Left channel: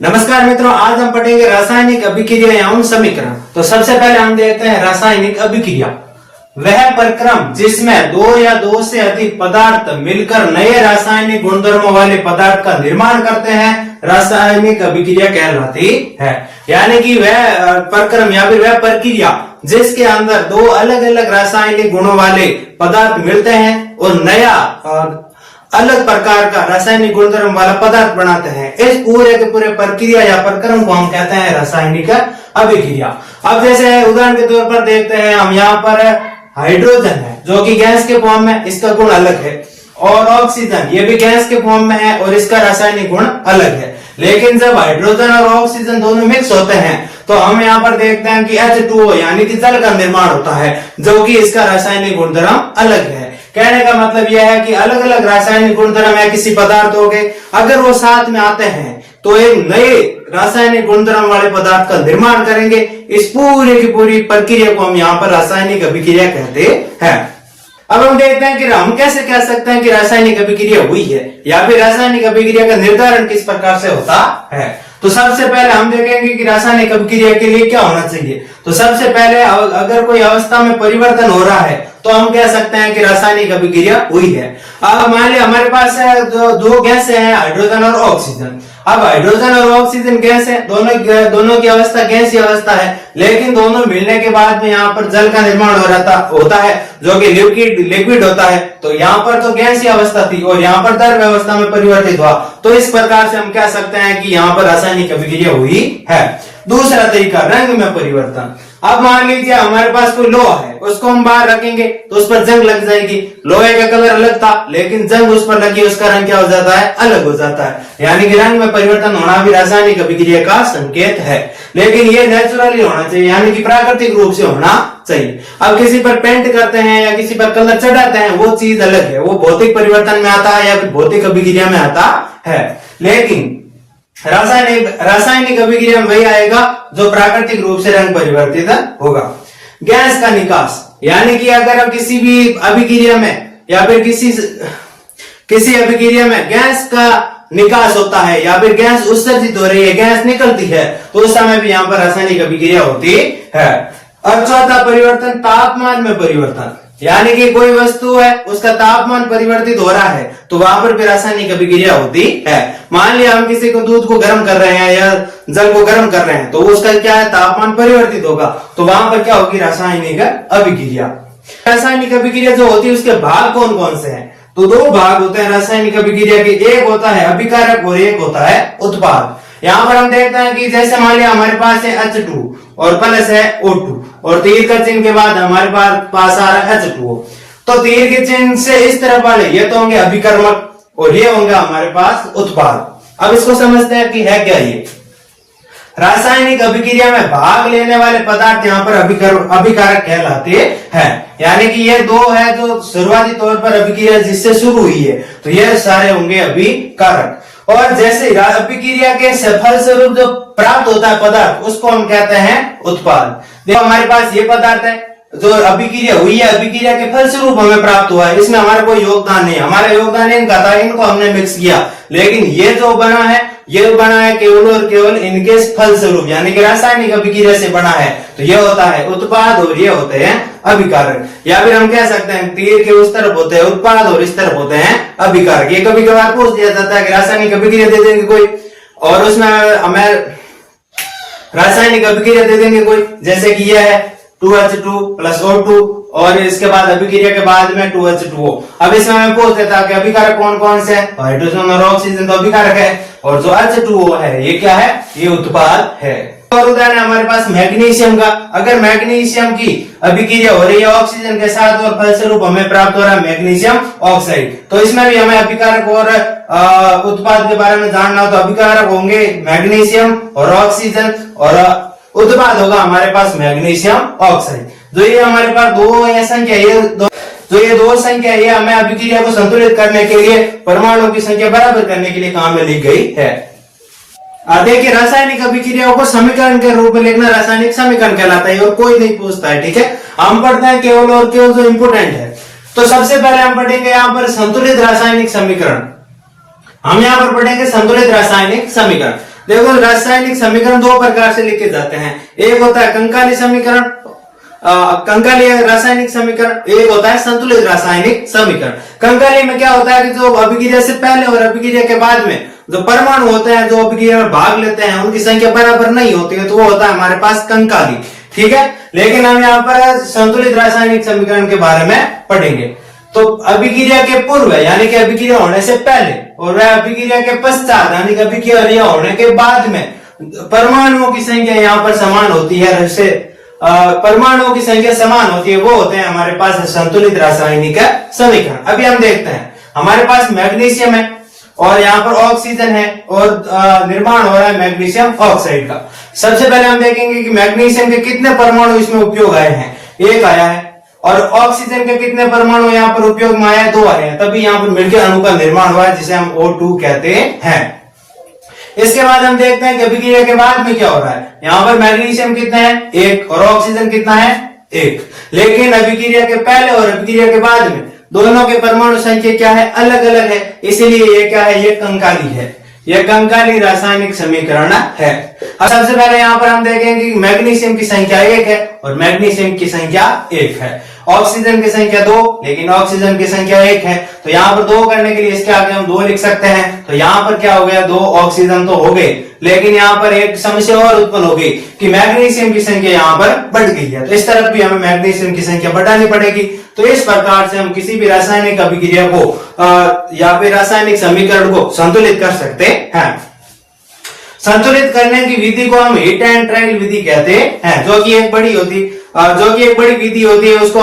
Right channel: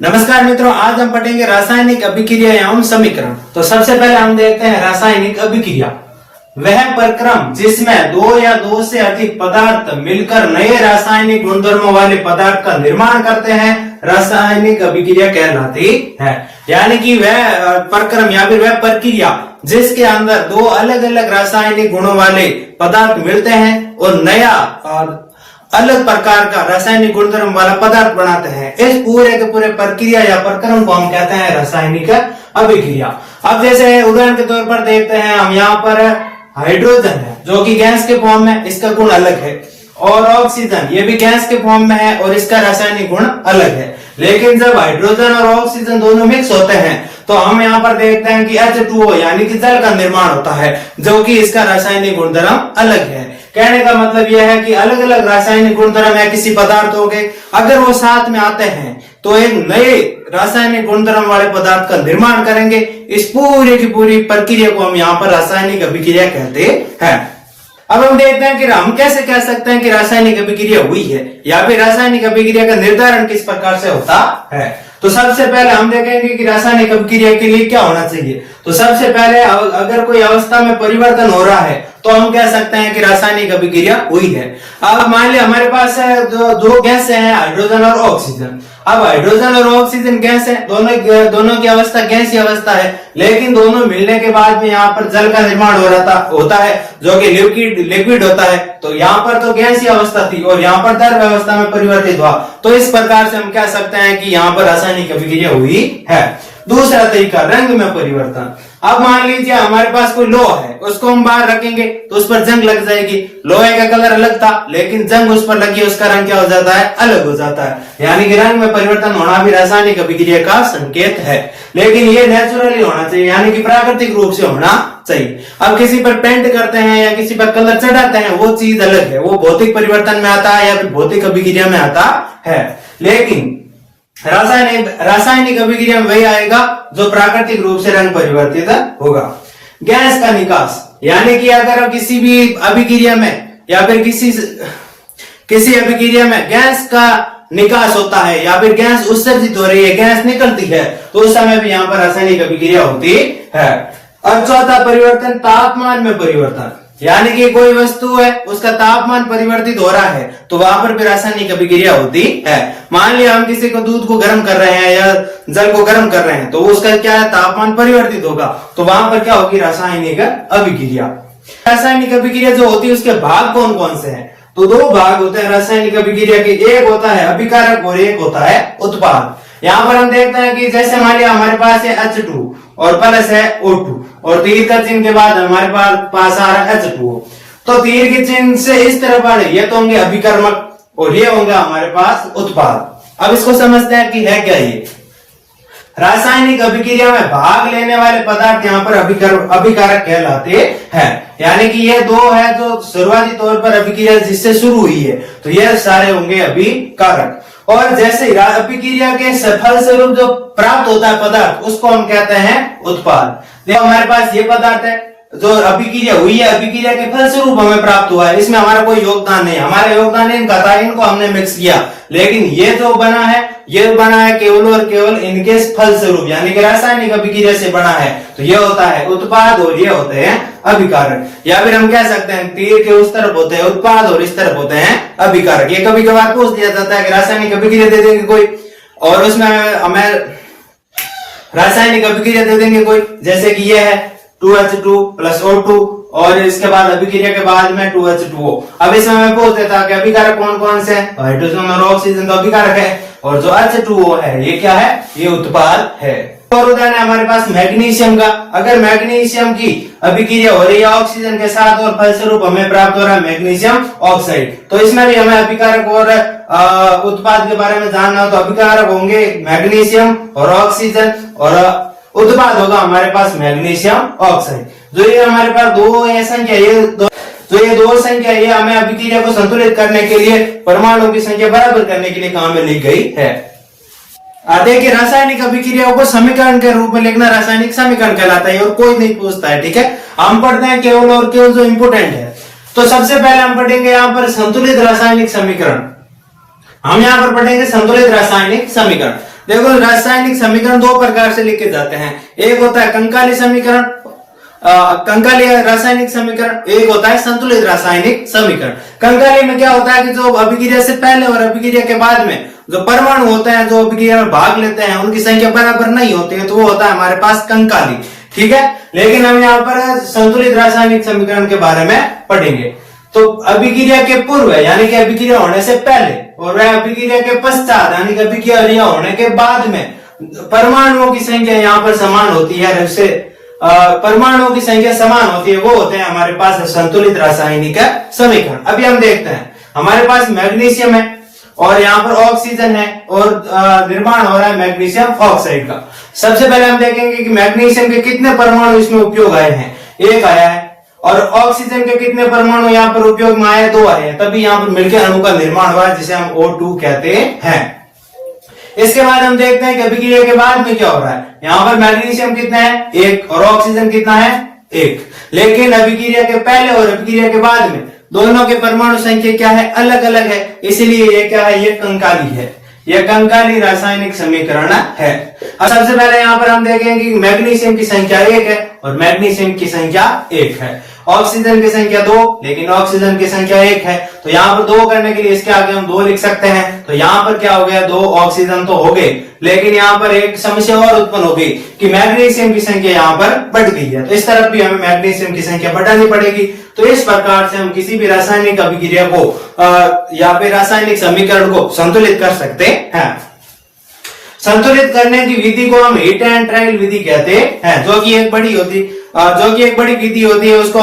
नमस्कार मित्रों, आज हम पढ़ेंगे रासायनिक अभिक्रिया एवं समीकरण। तो सबसे पहले हम देखते हैं रासायनिक अभिक्रिया। वह प्रक्रम जिसमें दो या दो से अधिक पदार्थ मिलकर नए रासायनिक गुणधर्मों वाले पदार्थ का निर्माण करते हैं, रासायनिक अभिक्रिया कहलाती है। यानी कि वह प्रक्रम या फिर वह प्रक्रिया जिसके अंदर दो अलग अलग रासायनिक गुणों वाले पदार्थ मिलते हैं और नया अलग प्रकार का रासायनिक गुणधर्म वाला पदार्थ बनाते हैं। इस पूरे के पूरे प्रक्रिया या प्रक्रम को हम कहते हैं रासायनिक अभिक्रिया। अब जैसे उदाहरण के तौर पर देखते हैं, हम यहाँ पर हाइड्रोजन है जो कि गैस के फॉर्म में, इसका गुण अलग है, और ऑक्सीजन ये भी गैस के फॉर्म में है और इसका रासायनिक गुण अलग है। लेकिन जब हाइड्रोजन और ऑक्सीजन दोनों मिक्स होते हैं तो हम यहाँ पर देखते हैं कि H2O यानी कि जल का निर्माण होता है, जो कि इसका रासायनिक गुणधर्म अलग है। कहने का मतलब यह है कि अलग अलग रासायनिक गुणधर्म है किसी पदार्थों के, अगर वो साथ में आते हैं तो एक नए रासायनिक गुणधर्म वाले पदार्थ का निर्माण करेंगे। इस पूरी की पूरी प्रक्रिया को हम यहाँ पर रासायनिक अभिक्रिया कहते हैं। अब हम देखते हैं कि हम कैसे कह सकते हैं कि रासायनिक अभिक्रिया हुई है या फिर रासायनिक अभिक्रिया का निर्धारण किस प्रकार से होता है। तो सबसे पहले हम देखेंगे कि रासायनिक अभिक्रिया के लिए क्या होना चाहिए। तो सबसे पहले अगर कोई अवस्था में परिवर्तन हो रहा है तो हम कह सकते हैं कि रासायनिक अभिक्रिया हुई है। अब मान लिया हमारे पास दो गैस है, हाइड्रोजन और ऑक्सीजन। अब हाइड्रोजन और ऑक्सीजन गैस है, दोनों की अवस्था गैसीय अवस्था है, लेकिन दोनों मिलने के बाद में यहाँ पर जल का निर्माण होता है जो कि लिक्विड होता है। तो यहाँ पर तो गैसीय अवस्था थी और यहाँ पर द्रव अवस्था में परिवर्तित हुआ। तो इस प्रकार से हम कह सकते हैं कि यहाँ पर रासायनिक अभिक्रिया हुई है। दूसरा तरीका, रंग में परिवर्तन। अब मान लीजिए हमारे पास कोई लोहा है, उसको हम बाहर रखेंगे तो उस पर जंग लग जाएगी। लोहे का कलर अलग था लेकिन जंग उस पर लगी, उसका रंग क्या हो जाता है, अलग हो जाता है। यानी कि रंग में परिवर्तन होना भी रासायनिक अभिक्रिया का संकेत है, लेकिन ये नेचुरली होना चाहिए, यानी कि प्राकृतिक रूप से होना चाहिए। अब किसी पर पेंट करते हैं या किसी पर कलर चढ़ाते हैं, वो चीज अलग है, वो भौतिक परिवर्तन में आता है या फिर भौतिक अभिक्रिया में आता है। लेकिन रासायनिक अभिक्रिया में वही आएगा जो प्राकृतिक रूप से रंग परिवर्तित होगा। गैस का निकास, यानी कि अगर किसी भी अभिक्रिया में या फिर किसी अभिक्रिया में गैस का निकास होता है या फिर गैस उत्सर्जित हो रही है, गैस निकलती है, तो उस समय भी यहाँ पर रासायनिक अभिक्रिया होती है। अब चौथा परिवर्तन, तापमान में परिवर्तन, यानी कि कोई वस्तु है उसका तापमान परिवर्तित हो रहा है तो वहां पर भी रासायनिक अभिक्रिया होती है। मान लिया हम किसी को दूध को गर्म कर रहे हैं या जल को गर्म कर रहे हैं तो उसका क्या है, तापमान परिवर्तित होगा, तो वहां पर क्या होगी, रासायनिक अभिक्रिया। रासायनिक अभिक्रिया जो होती है उसके भाग कौन कौन से हैं। तो दो भाग होते हैं रासायनिक अभिक्रिया के, एक होता है अभिकारक और एक होता है उत्पाद। यहाँ पर हम देखते हैं कि जैसे मान लिया हमारे पास है H2 और प्लस है O2 और तीर का चिन्ह के बाद हमारे पास आ रहा है H2O। तो तीर के चिन्ह से इस तरफ वाले ये तो होंगे अभिकर्मक और ये होंगे हमारे पास उत्पाद। अब इसको समझते हैं कि है क्या ये। रासायनिक अभिक्रिया में भाग लेने वाले पदार्थ यहाँ पर अभिकारक कहलाते हैं। यानी कि ये दो है जो शुरुआती तौर पर अभिक्रिया जिससे शुरू हुई है, तो ये सारे होंगे अभिकारक। और जैसे अभिक्रिया के फल स्वरूप जो प्राप्त होता है पदार्थ, उसको हम कहते हैं उत्पाद। देखो हमारे पास ये पदार्थ है जो अभिक्रिया हुई है, अभिक्रिया के फल स्वरूप हमें प्राप्त हुआ है, इसमें हमारा कोई योगदान नहीं, हमारा योगदान इनका था, इनको हमने मिक्स किया। लेकिन ये जो बना है, ये बना है केवल और केवल इनके फल स्वरूप, यानी कि रासायनिक अभिक्रिया से बना है, तो ये होता है उत्पाद और ये होते हैं अभिकारक। या फिर हम कह सकते हैं तीर के उस तरफ होते हैं उत्पाद और इस तरफ होते हैं अभिकारक। ये कभी कभार पूछ दिया जाता है कि रासायनिक अभिक्रिया दे देंगे कोई और उसमें हमें रासायनिक अभिक्रिया दे देंगे कोई, जैसे कि यह है 2H2 प्लस O2 और इसके बाद अभिक्रिया के बाद में 2H2O। अब इसमें मैं पूछ देता कि अभिकारक कौन कौन से हैं। हाइड्रोजन और ऑक्सीजन तो अभिकारक है और जो H2O है ये क्या है, ये उत्पाद है। और उदाहरण है हमारे पास मैग्नीशियम का। अगर मैग्नीशियम की अभिक्रिया हो रही है ऑक्सीजन के साथ और फलस्वरूप हमें प्राप्त हो रहा है मैग्नीशियम ऑक्साइड, तो इसमें भी हमें अभिकारक और उत्पाद के बारे में जानना। तो अभिकारक होंगे मैग्नीशियम और ऑक्सीजन और उत्पाद होगा हमारे पास मैग्नीशियम ऑक्साइड। जो ये हमारे पास दो संख्या ये हमें अभिक्रिया को संतुलित करने के लिए, परमाणुओं की संख्या बराबर करने के लिए काम में ली गई है। देखिए रासायनिक अभिक्रियाओं को समीकरण के रूप में लिखना रासायनिक समीकरण कहलाता है और कोई नहीं पूछता है, ठीक है। हम पढ़ते हैं केवल और केवल जो इम्पोर्टेंट है। तो सबसे पहले हम पढ़ेंगे यहाँ पर संतुलित रासायनिक समीकरण। हम यहाँ पर पढ़ेंगे संतुलित रासायनिक समीकरण। देखो रासायनिक समीकरण दो प्रकार से लिखे जाते हैं, एक होता है कंकाली समीकरण, कंकाली रासायनिक समीकरण, एक होता है संतुलित रासायनिक समीकरण। कंकाली में क्या होता है कि जो अभिक्रिया से पहले और अभिक्रिया के बाद में जो परमाणु होते हैं जो अभिक्रिया में भाग लेते हैं उनकी संख्या बराबर नहीं होती है, तो वो होता है हमारे पास कंकाली। ठीक है, लेकिन हम यहाँ पर संतुलित रासायनिक समीकरण के बारे में पढ़ेंगे। तो अभिक्रिया के पूर्व यानी कि अभिक्रिया होने से पहले और अभिक्रिया के पश्चात यानी कि अभिक्रिया होने के बाद में परमाणुओं की संख्या यहाँ पर समान होती है, जैसे परमाणुओं की संख्या समान होती है, वो होते हैं हमारे पास संतुलित रासायनिक समीकरण। अभी हम देखते हैं, हमारे पास मैग्नीशियम है और यहाँ पर ऑक्सीजन है और निर्माण हो रहा है मैग्नीशियम ऑक्साइड का। सबसे पहले हम देखेंगे कि मैग्नीशियम के कितने परमाणु इसमें उपयोग आए हैं, एक आया है, और ऑक्सीजन के कितने परमाणु यहाँ पर उपयोग में आए, दो आए हैं, तभी यहाँ पर मिलकर अणु का निर्माण हुआ है जिसे हम O2 कहते हैं। इसके बाद हम देखते हैं कि अभिक्रिया के बाद में क्या हो रहा है। यहाँ पर मैग्नीशियम कितना है, एक, और ऑक्सीजन कितना है, एक। लेकिन अभिक्रिया के पहले और अभिक्रिया के बाद में दोनों के परमाणु संख्या क्या है, अलग अलग है, इसलिए ये क्या है, ये कंकाली है, ये कंकाली रासायनिक समीकरण है। अब सबसे पहले यहाँ पर हम देखेंगे कि मैग्नीशियम की संख्या एक है और मैग्नीशियम की संख्या एक है, ऑक्सीजन की संख्या दो लेकिन ऑक्सीजन की संख्या एक है, तो यहाँ पर दो करने के लिए इसके आगे हम दो लिख सकते हैं, तो यहाँ पर क्या हो गया, दो ऑक्सीजन तो हो गए, लेकिन यहाँ पर एक समस्या और उत्पन्न हो गई कि मैग्नीशियम की संख्या यहाँ पर बढ़ गई है, तो इस तरफ भी हमें मैग्नीशियम की संख्या बढ़ानी पड़ेगी। तो इस प्रकार से हम किसी भी रासायनिक अभिक्रिया को या फिर रासायनिक समीकरण को संतुलित कर सकते हैं। संतुलित करने की विधि को हम हीट एंड ट्रायल विधि कहते हैं, जो कि एक बड़ी विधि होती है। उसको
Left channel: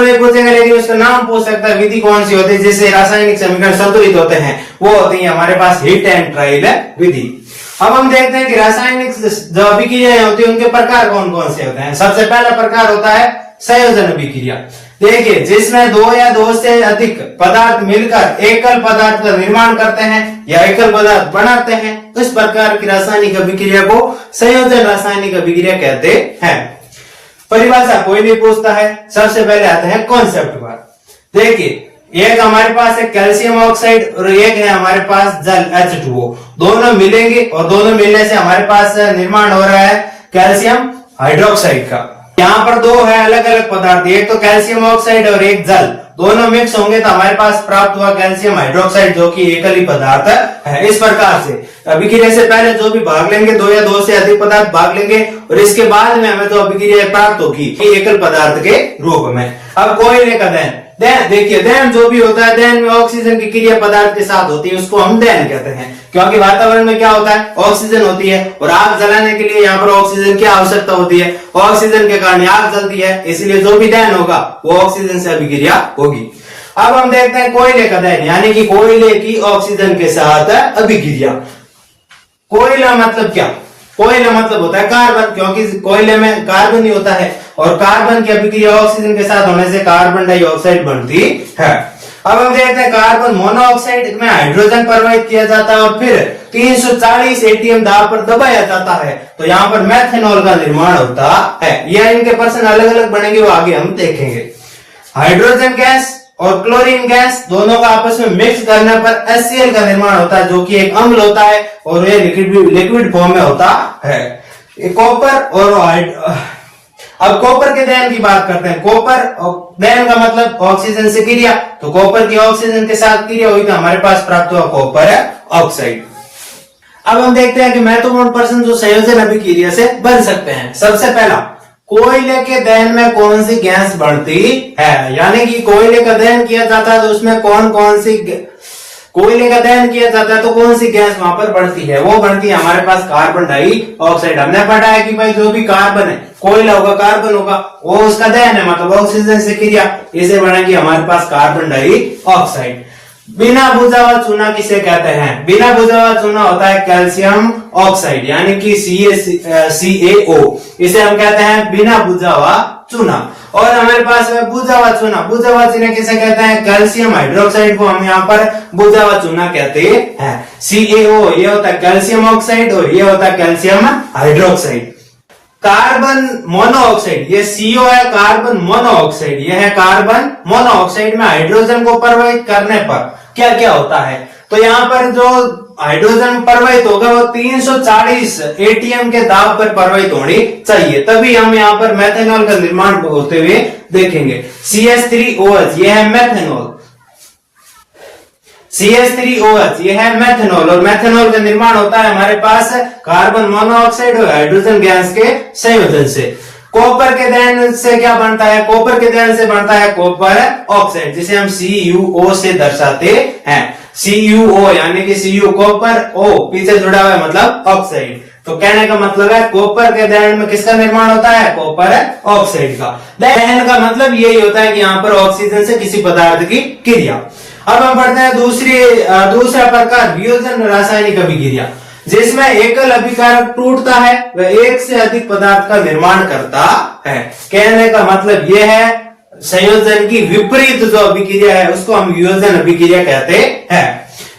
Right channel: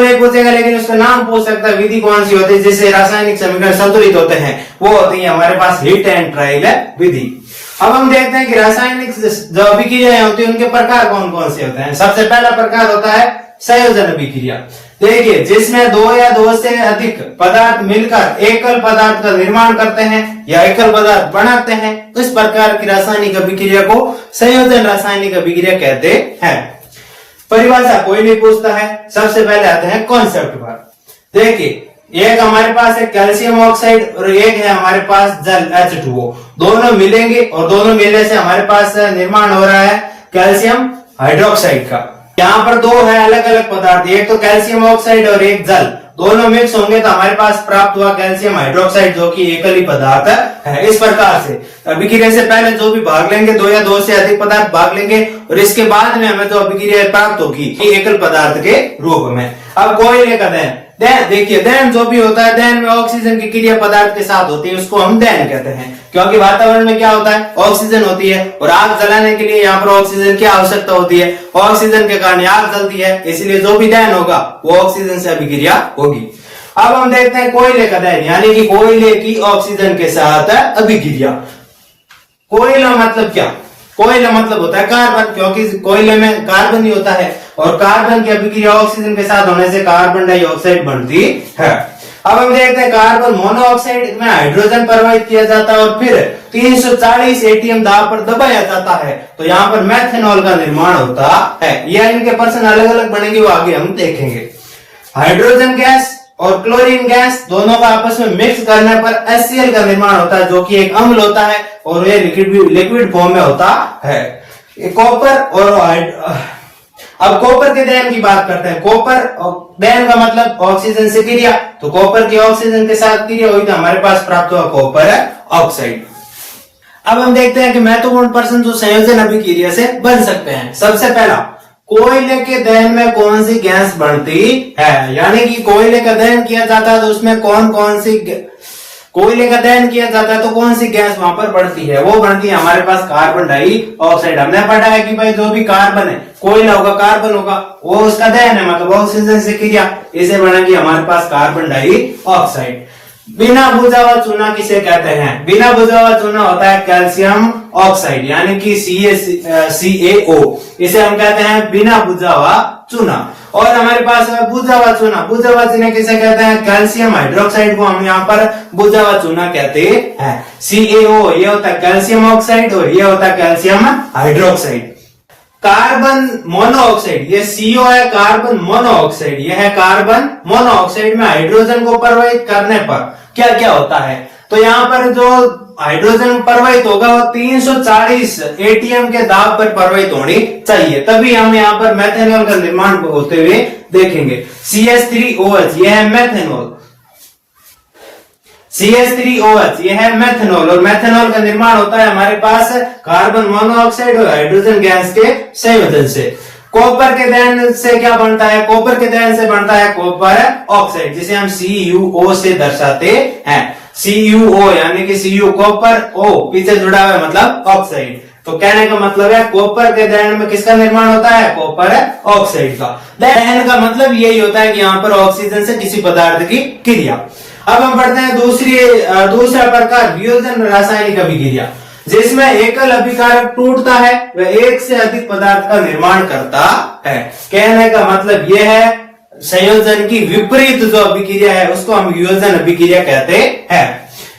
नहीं पूछेगा, लेकिन उसका नाम पूछ सकता है, विधि कौन सी होती है जिससे रासायनिक समीकरण संतुलित होते हैं, वो होती है हमारे पास हीट एंड ट्रायल विधि। अब हम देखते हैं कि रासायनिक जो अभिक्रियाएं होती है उनके प्रकार कौन कौन से होते हैं। सबसे पहला प्रकार होता है संयोजन अभिक्रिया। देखिए, जिसमें दो या दो से अधिक पदार्थ मिलकर एकल पदार्थ का निर्माण करते हैं या एकल पदार्थ बनाते हैं, इस प्रकार की रासायनिक अभिक्रिया को संयोजन रासायनिक अभिक्रिया कहते हैं। परिभाषा कोई नहीं पूछता है, सबसे पहले आते हैं कॉन्सेप्ट पर। देखिए, एक हमारे पास है कैल्शियम ऑक्साइड और एक है हमारे पास जल H2O, दोनों मिलेंगे और दोनों मिलने से हमारे पास निर्माण हो रहा है कैल्शियम हाइड्रोक्साइड का। यहाँ पर दो है अलग अलग पदार्थ, एक तो कैल्शियम ऑक्साइड और एक जल, दोनों मिक्स होंगे तो हमारे पास प्राप्त हुआ कैल्शियम हाइड्रोक्साइड, जो कि एकल ही पदार्थ है। इस प्रकार से अभिक्रिया से पहले जो भी भाग लेंगे, दो या दो से अधिक पदार्थ भाग लेंगे और इसके बाद में हमें जो अभिक्रिया प्राप्त होगी एकल पदार्थ के रूप में। अब कोयले का दहन, देखिए दहन जो भी होता है, दहन में ऑक्सीजन की क्रिया पदार्थ के साथ होती है, उसको हम दहन कहते हैं, क्योंकि वातावरण में क्या होता है, ऑक्सीजन होती है और आग जलाने के लिए यहाँ पर ऑक्सीजन की आवश्यकता होती है, ऑक्सीजन के कारण आग जलती है, इसलिए जो भी दहन होगा वो ऑक्सीजन से अभिक्रिया होगी। अब हम देखते हैं कोयले का दहन, यानी कि कोयले की ऑक्सीजन के साथ अभिक्रिया। कोयला मतलब क्या, कोयला मतलब होता है कार्बन, क्योंकि कोयले में कार्बन ही होता है और कार्बन की अभिक्रिया ऑक्सीजन के साथ होने से कार्बन डाइऑक्साइड बनती है। अब हम देखते हैं कार्बन मोनोऑक्साइड में हाइड्रोजन प्रवाहित किया जाता है और फिर 340 एटीएम दाब पर दबाया जाता है, तो यहाँ पर मेथनॉल का निर्माण होता है। यह इनके पर्सन अलग अलग बनेंगे, वो आगे हम देखेंगे। हाइड्रोजन गैस और क्लोरीन गैस दोनों का आपस में मिक्स करने पर HCl का निर्माण होता है, जो कि एक अम्ल होता है और ये लिक्विड फॉर्म में होता है। कॉपर और अब कॉपर के दहन की बात करते हैं। कॉपर दहन का मतलब ऑक्सीजन से क्रिया, तो कॉपर की ऑक्सीजन के साथ क्रिया हुई तो हमारे पास प्राप्त हुआ कॉपर ऑक्साइड। अब हम देखते हैं कि महत्वपूर्ण पर्सन जो संयोजन अभिक्रिया से बन सकते हैं। सबसे पहला, कोयले के दहन में कौन सी गैस बढ़ती है, यानी कि कोयले का दहन किया जाता है तो उसमें कौन सी कोयले का दहन किया जाता है तो कौन सी गैस वहां पर बढ़ती है, वो बढ़ती है हमारे पास कार्बन डाइऑक्साइड। हमने पढ़ा है कि भाई जो भी कार्बन है, कोयला होगा कार्बन होगा, वो उसका दहन है मतलब ऑक्सीजन से क्रिया, इसे बनेगी हमारे पास कार्बन डाइऑक्साइड। बिना बुझा हुआ चूना किसे कहते हैं, बिना बुझा हुआ चूना होता है कैल्शियम ऑक्साइड, यानी कि CaO, इसे हम कहते हैं बिना बुझा हुआ चूना। और हमारे पास है बुझा हुआ चूना, बुझा हुआ चूना किसे कहते हैं, कैल्शियम हाइड्रोक्साइड को हम यहाँ पर बुझा हुआ चूना कहते हैं। CaO ये होता है कैल्शियम ऑक्साइड और ये होता है कैल्शियम हाइड्रोक्साइड। कार्बन मोनोऑक्साइड, ये CO है कार्बन मोनोऑक्साइड, यह है कार्बन मोनोऑक्साइड में हाइड्रोजन को प्रवाहित करने पर क्या क्या होता है, तो यहाँ पर जो हाइड्रोजन प्रवाहित होगा वो 340 एटीएम के दाब पर प्रवाहित होनी चाहिए, तभी हम यहाँ पर मेथेनॉल का निर्माण होते हुए देखेंगे। CH3OH ये है मेथेनॉल, CH3OH ये है मेथेनॉल, और मेथेनॉल का निर्माण होता है हमारे पास कार्बन मोनोऑक्साइड और हाइड्रोजन गैस के संयोजन से। कॉपर के दहन से क्या बनता है? कॉपर के दहन से बनता है कॉपर ऑक्साइड, जिसे हम CuO से दर्शाते हैं। CuO यानी कि Cu कॉपर, O पीछे जुड़ा हुआ है मतलब ऑक्साइड। तो कहने का मतलब है कॉपर के दहन में किसका निर्माण होता है? कॉपर ऑक्साइड का। दहन का मतलब यही होता है कि यहाँ पर ऑक्सीजन से किसी पदार्थ की क्रिया। अब हम पढ़ते हैं दूसरा प्रकार, वियोजन रासायनिक अभिक्रिया, जिसमें एकल अभिकारक टूटता है वह एक से अधिक पदार्थ का निर्माण करता है। कहने का मतलब यह है संयोजन की विपरीत जो अभिक्रिया है उसको हम वियोजन अभिक्रिया कहते हैं।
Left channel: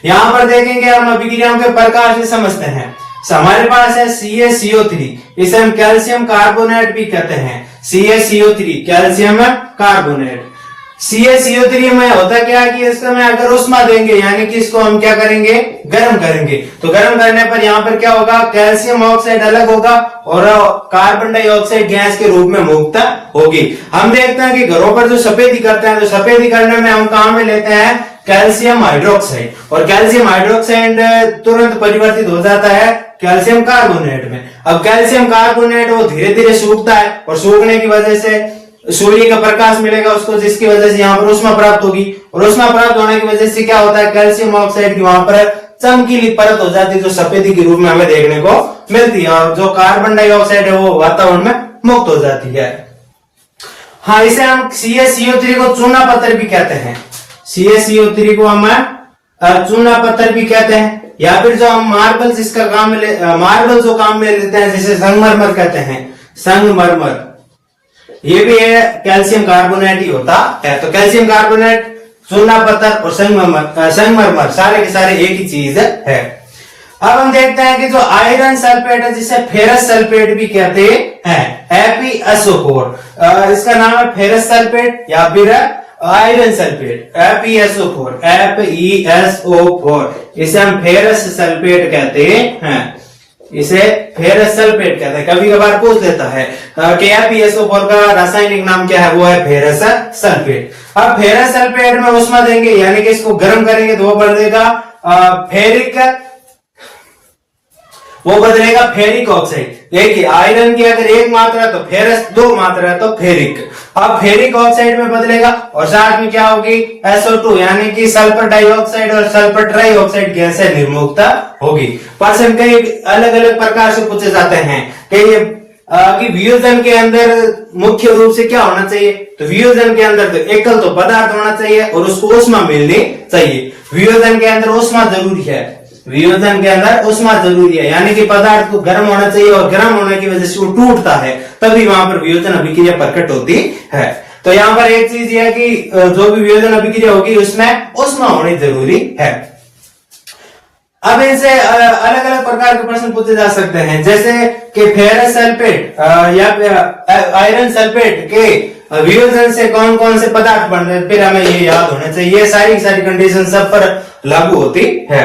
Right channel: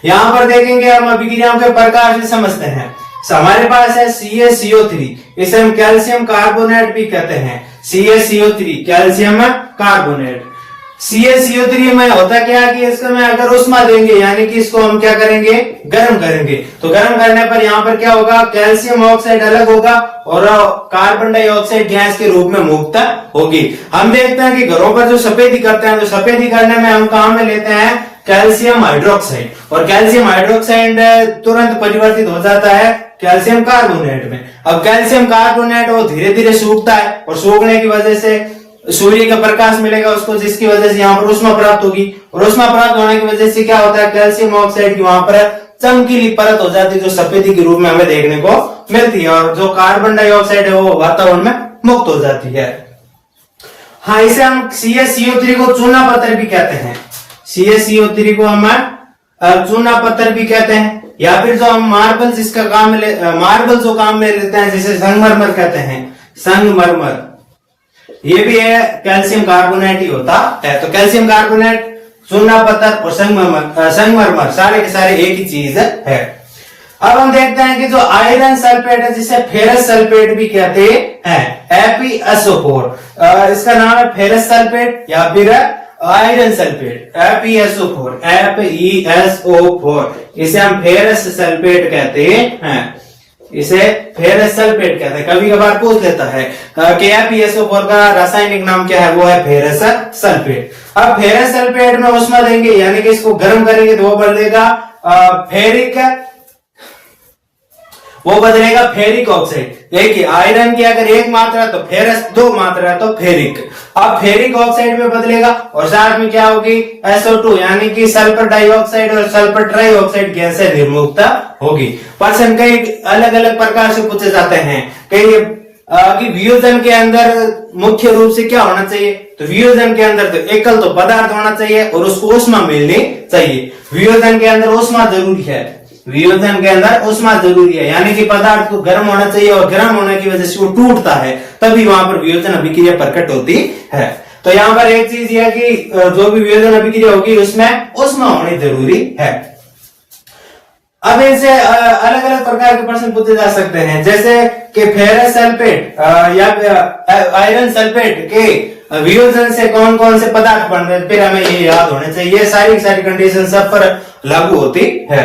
यहाँ पर देखेंगे हम अभिक्रियाओं के प्रकार से समझते हैं। हमारे पास है CaCO3, इसे हम कैल्शियम कार्बोनेट भी कहते हैं। CaCO3 calcium carbonate. CaCO3 में होता क्या है कि इसको में अगर उष्मा देंगे यानी कि इसको हम क्या करेंगे? गर्म करेंगे, तो गर्म करने पर यहाँ पर क्या होगा? कैल्शियम ऑक्साइड अलग होगा और कार्बन डाइऑक्साइड गैस के रूप में मुक्त होगी। हम देखते हैं कि घरों पर जो सफेदी करते हैं, तो सफेदी करने में हम काम में लेते हैं कैल्शियम हाइड्रोक्साइड, और कैल्शियम हाइड्रोक्साइड तुरंत परिवर्तित हो जाता है कैल्शियम कार्बोनेट में। अब कैल्शियम कार्बोनेट वो धीरे धीरे सूखता है, और सूखने की वजह से सूर्य का प्रकाश मिलेगा उसको, जिसकी वजह से यहाँ पर उष्मा प्राप्त होगी, और उष्मा प्राप्त होने की वजह से क्या होता है? कैल्शियम ऑक्साइड की वहां पर चमकीली परत हो जाती है, जो सफेदी के रूप में हमें देखने को मिलती है, और जो कार्बन डाइऑक्साइड है वो वातावरण में मुक्त हो जाती है। हाँ, इसे हम CaCO3 को चूना पत्थर भी कहते हैं। CaCO3 को हम चूना पत्थर भी कहते हैं, या फिर जो हम मार्बल जिसका काम मार्बल जो काम में लेते हैं, जिसे संगमरमर कहते हैं, संगमरमर, ये भी है कैल्शियम कार्बोनेट ही होता है। तो कैल्शियम कार्बोनेट, चूना पत्थर और संगमरमर सारे के सारे एक ही चीज है। अब हम देखते हैं कि जो आयरन सल्फेट है, जिसे फेरस सल्फेट भी कहते हैं, FeSO4, इसका नाम है फेरस सल्फेट या फिर आयरन सल्फेट, FeSO4, इसे हम फेरस सल्फेट कहते हैं, इसे फेरस सल्फेट कहते हैं। कभी कभार पूछ लेता है कि FeSO4 का रासायनिक नाम क्या है? वो है फेरस सल्फेट। अब फेरस सल्फेट में उष्मा देंगे यानी कि इसको गर्म करेंगे तो वो बदलेगा फेरिक ऑक्साइड। देखिए, आयरन की अगर एक मात्रा है तो फेरस, दो मात्रा है तो फेरिक। अब फेरिक ऑक्साइड में बदलेगा और साथ में क्या होगी? SO2 यानी कि सल्फर डाइऑक्साइड और सल्फर ट्राइऑक्साइड गैस से निर्मुक्त होगी। प्रश्न कई अलग अलग प्रकार से पूछे जाते हैं कि वियोजन के अंदर मुख्य रूप से क्या होना चाहिए? तो वियोजन के अंदर तो एकल तो पदार्थ होना चाहिए और उसको उष्मा मिलनी चाहिए। वियोजन के अंदर उष्मा जरूरी है, वियोजन के अंदर उष्मा जरूरी है, यानी कि पदार्थ को गर्म होना चाहिए, और गर्म होने की वजह से वो टूटता है, तभी वहां पर वियोजन अभिक्रिया प्रकट होती है। तो यहाँ पर एक चीज यह कि जो भी वियोजन अभिक्रिया होगी उसमें उष्मा होनी जरूरी है। अब इनसे अलग अलग प्रकार के प्रश्न पूछे जा सकते हैं, जैसे कि फेरस सल्फेट या आयरन सल्फेट के वियोजन से कौन कौन से पदार्थ बनते हैं, फिर हमें ये याद होने चाहिए। सारी कंडीशन सब पर लागू होती है।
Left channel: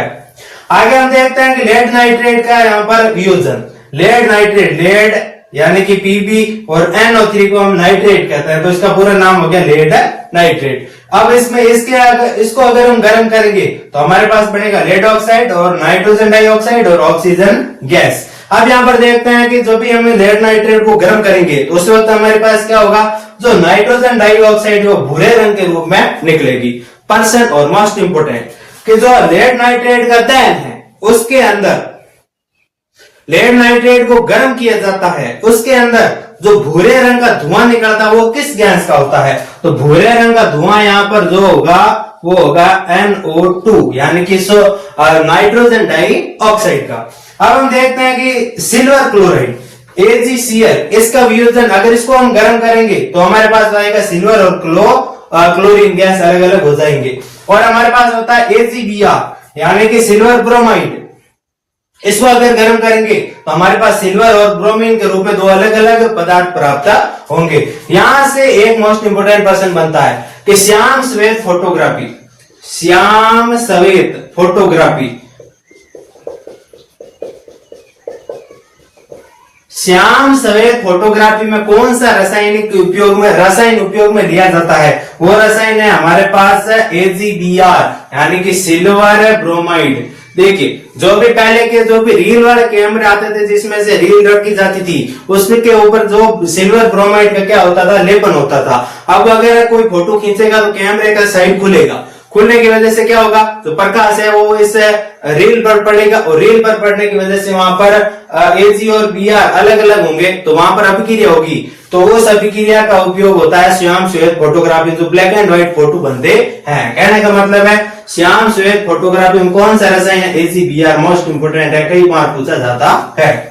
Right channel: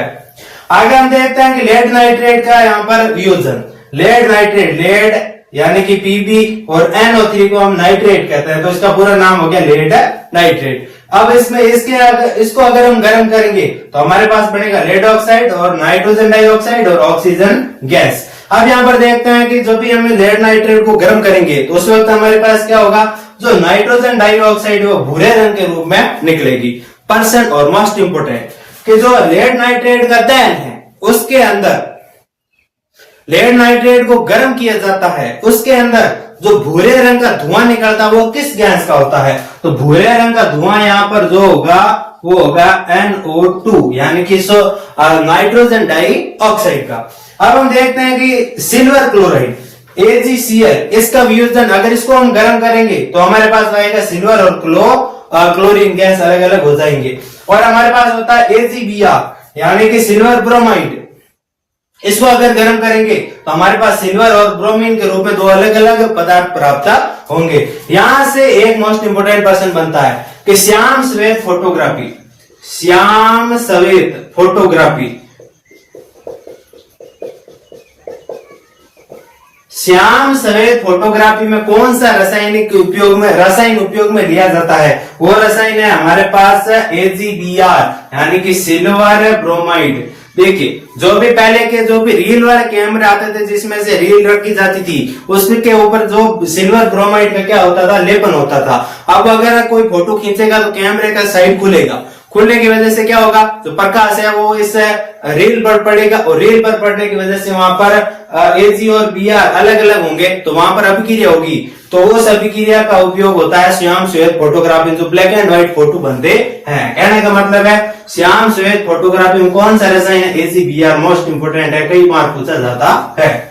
आगे हम देखते हैं कि लेड नाइट्रेट का यहाँ पर वियोजन, लेड नाइट्रेट, लेड यानी कि Pb और NO3 को हम नाइट्रेट कहते हैं, तो इसका पूरा नाम हो गया लेड नाइट्रेट। अब इसमें इसको अगर हम गर्म करेंगे तो हमारे पास बनेगा लेड ऑक्साइड और नाइट्रोजन डाइऑक्साइड और ऑक्सीजन गैस। अब यहाँ पर देखते हैं कि जब भी हम लेड नाइट्रेट को गर्म करेंगे तो उस वक्त हमारे पास क्या होगा? जो नाइट्रोजन डाइऑक्साइड वो भूरे रंग के रूप में निकलेगी। पर्सन और मोस्ट इंपोर्टेंट कि जो लेड नाइट्रेट का दहन है उसके अंदर लेड नाइट्रेट को गर्म किया जाता है, उसके अंदर जो भूरे रंग का धुआं निकलता है वो किस गैस का होता है? तो भूरे रंग का धुआं यहाँ पर जो होगा वो होगा NO2 यानी कि नाइट्रोजन डाइऑक्साइड का। अब हम देखते हैं कि सिल्वर क्लोराइड AgCl, इसका वियोजन अगर इसको हम गर्म करेंगे तो हमारे पास आएगा सिल्वर और क्लोरीन गैस अलग अलग हो जाएंगे। और हमारे पास होता है AgBr यानी कि सिल्वर ब्रोमाइड, इसको अगर गर्म करेंगे तो हमारे पास सिल्वर और ब्रोमीन के रूप में दो अलग अलग पदार्थ प्राप्त होंगे। यहां से एक मोस्ट इंपोर्टेंट प्रश्न बनता है कि श्याम श्वेत फोटोग्राफी श्याम सफेद फोटोग्राफी में कौन सा रसायन उपयोग में लिया जाता है? वो रसायन है हमारे पास AgBr यानी कि सिल्वर ब्रोमाइड। देखिए जो भी पहले के जो भी रील वाले कैमरे आते थे जिसमें से रील रखी जाती थी उसमें के ऊपर जो सिल्वर ब्रोमाइड का क्या होता था, लेपन होता था। अब अगर कोई फोटो खींचेगा तो कैमरे का साइड खुलेगा, खुलने की वजह से क्या होगा, जो प्रकाश है वो इस रील पर पड़ेगा और रील पर पड़ने की वजह से वहां पर Ag और Br अलग अलग होंगे तो वहां पर अभिक्रिया होगी। तो उस अभिक्रिया का उपयोग होता है श्याम श्वेत फोटोग्राफी, जो ब्लैक एंड व्हाइट फोटो बनते हैं। कहने का मतलब है श्याम श्वेत फोटोग्राफी में कौन सा रसायन है? AgBr मोस्ट इंपोर्टेंट है, कई बार पूछा जाता है।